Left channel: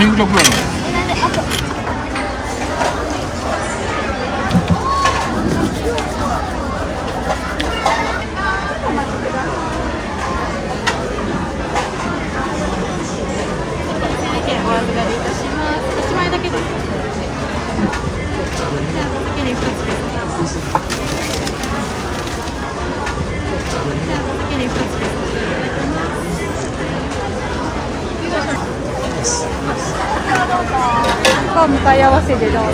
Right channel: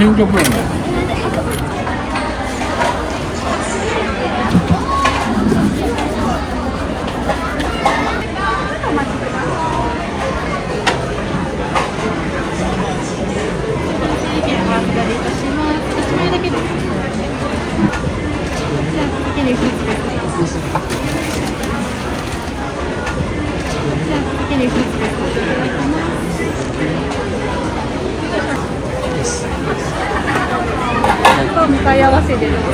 変革なんだ。向かい合わせでどうぞ。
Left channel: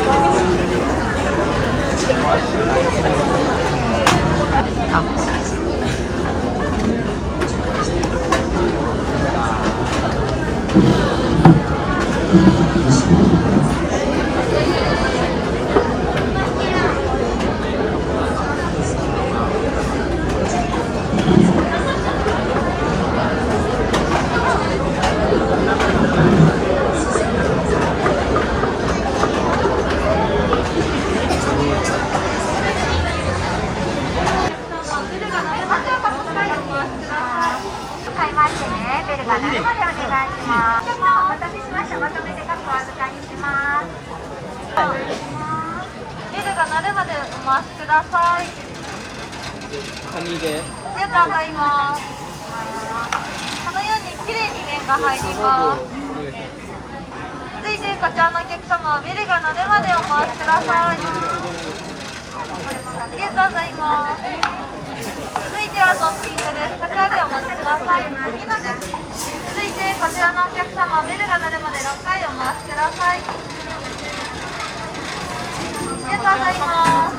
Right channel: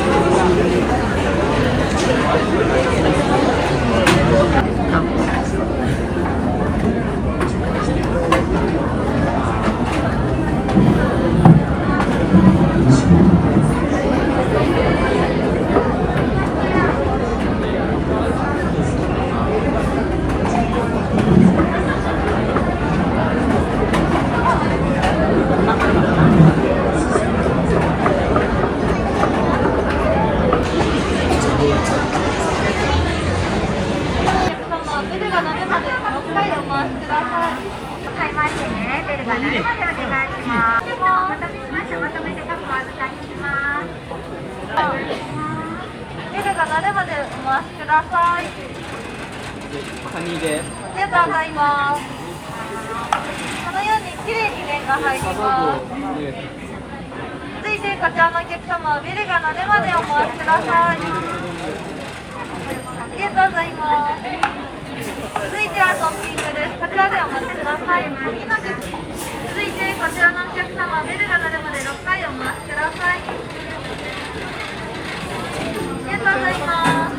ベルが鳴るまでお待ちください。ありがとうございます。このようにきれいに麺が入ります。続いてこちらのお客様はベルが鳴るまでお待ちください。ありがとうございます。続いてはトッピングです。こちらでお待ちください。続いてこちらのお客様はベルが鳴るまで6回お待ちください。ありがとうございます。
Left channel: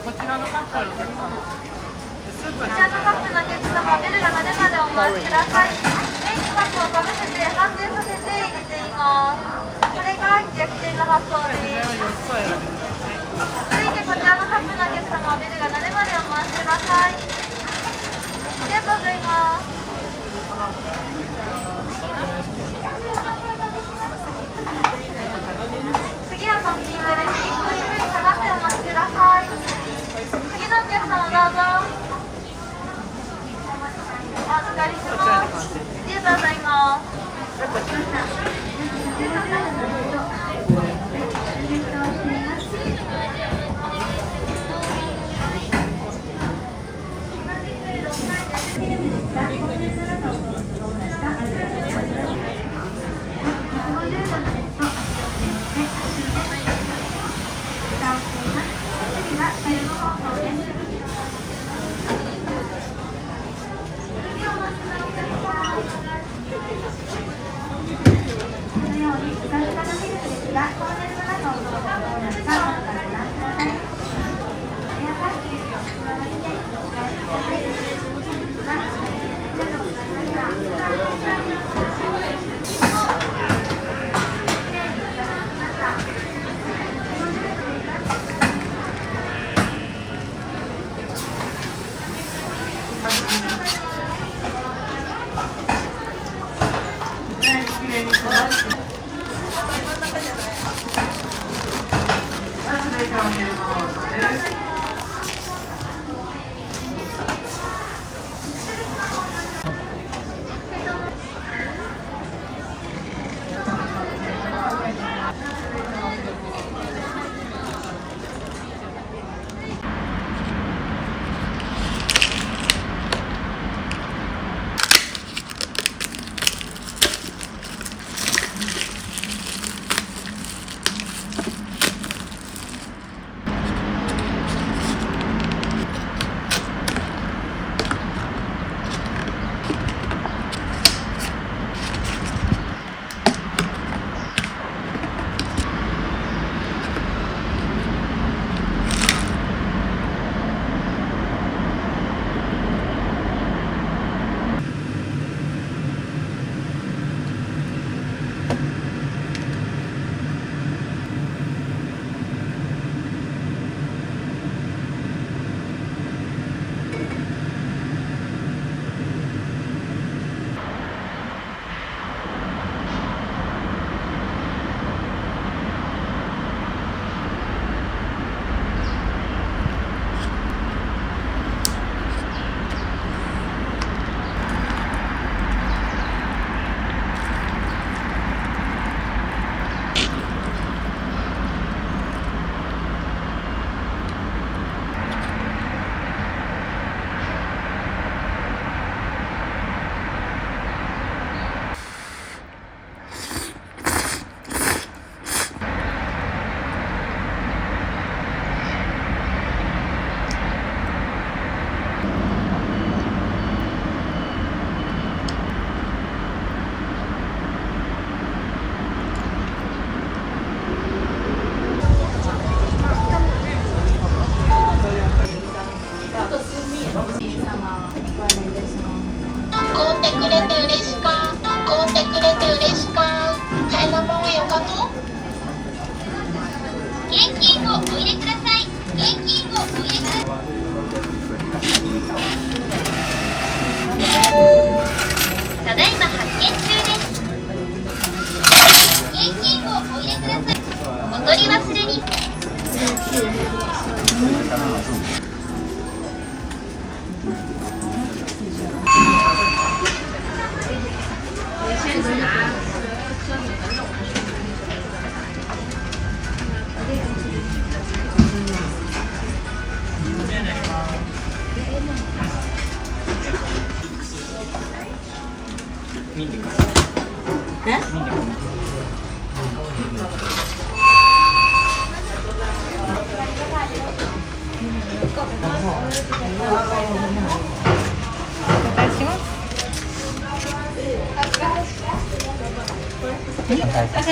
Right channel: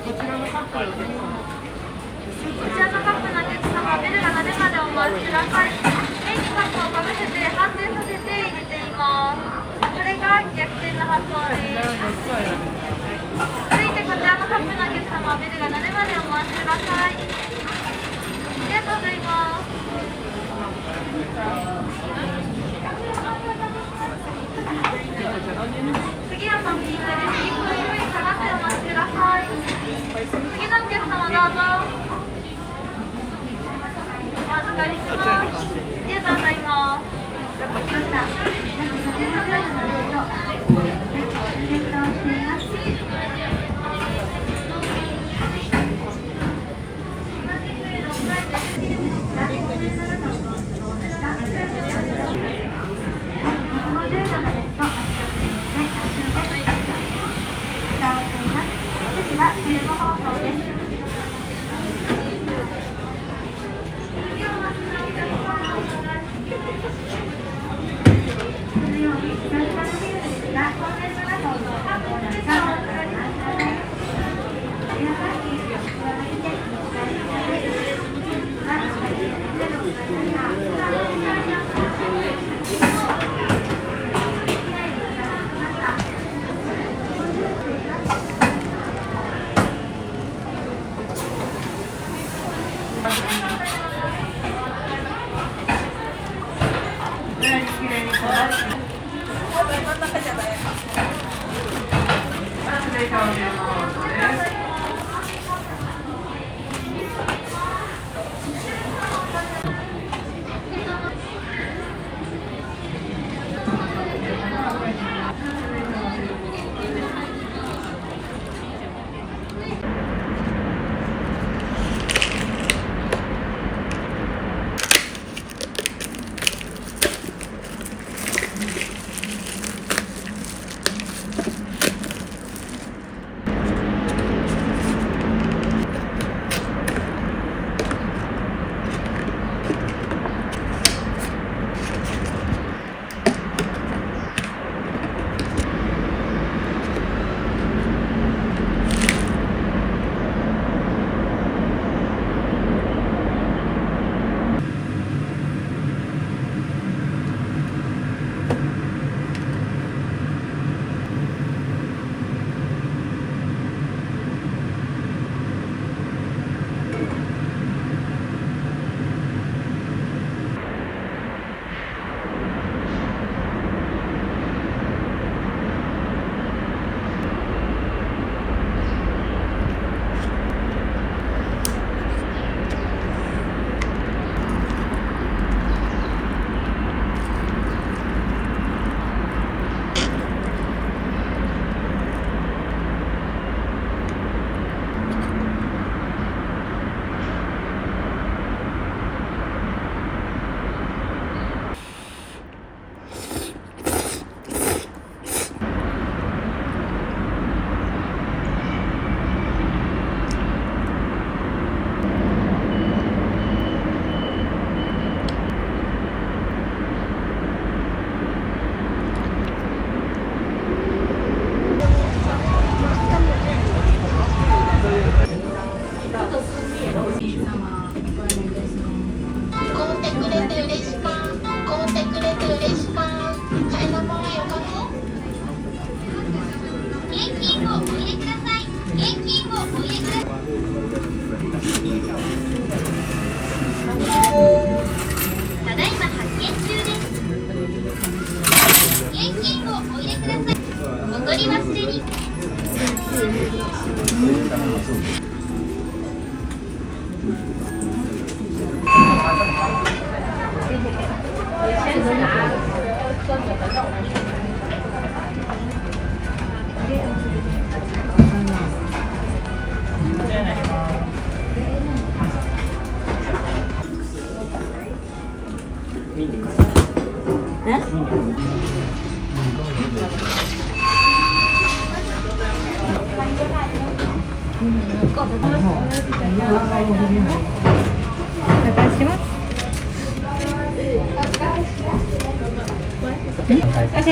こちらのカップのお客様、ベルが鳴るまでお待ちください。メインカップをかぶせて反転させて入れています。これが逆転の発想です。続いてこちらのカップのお客様、ベルが鳴るまでお待ちください。ありがとうございます。次はトッピングです。1分ゆっくり下がってお待ちください。次のお客様どうぞ。お預かりします。ありがとうございます。次はフィルム放送です。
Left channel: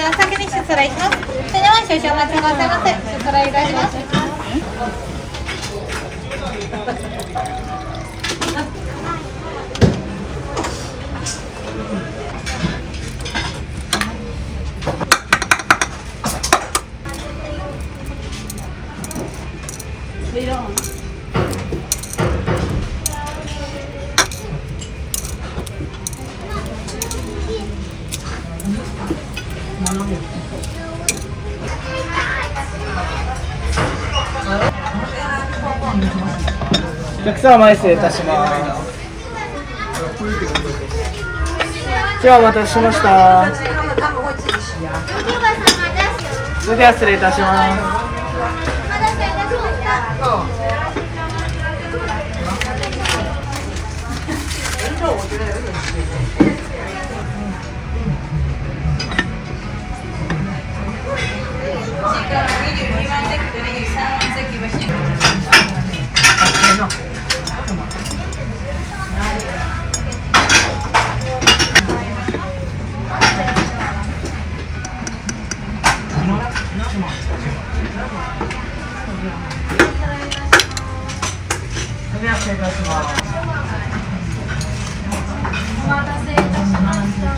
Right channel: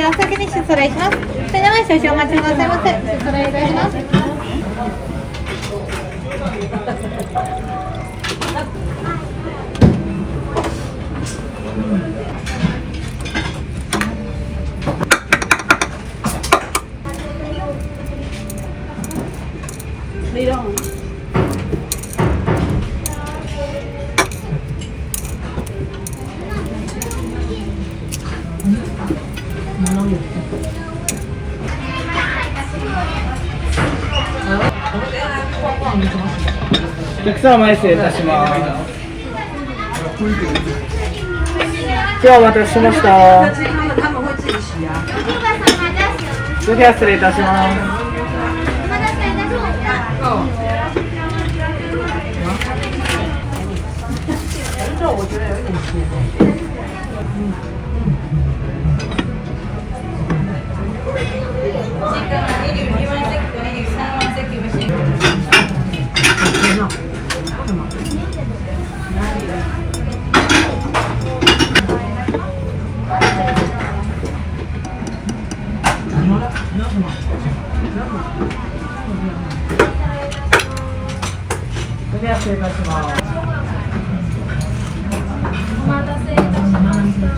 お先に出皿いきます。それでは少々お待ちくださいませ。出皿お願いします。お客様前失礼いたします。今日はお待たせしました。それでは失礼いたします。それでは失礼いたします。お待たせいたしました。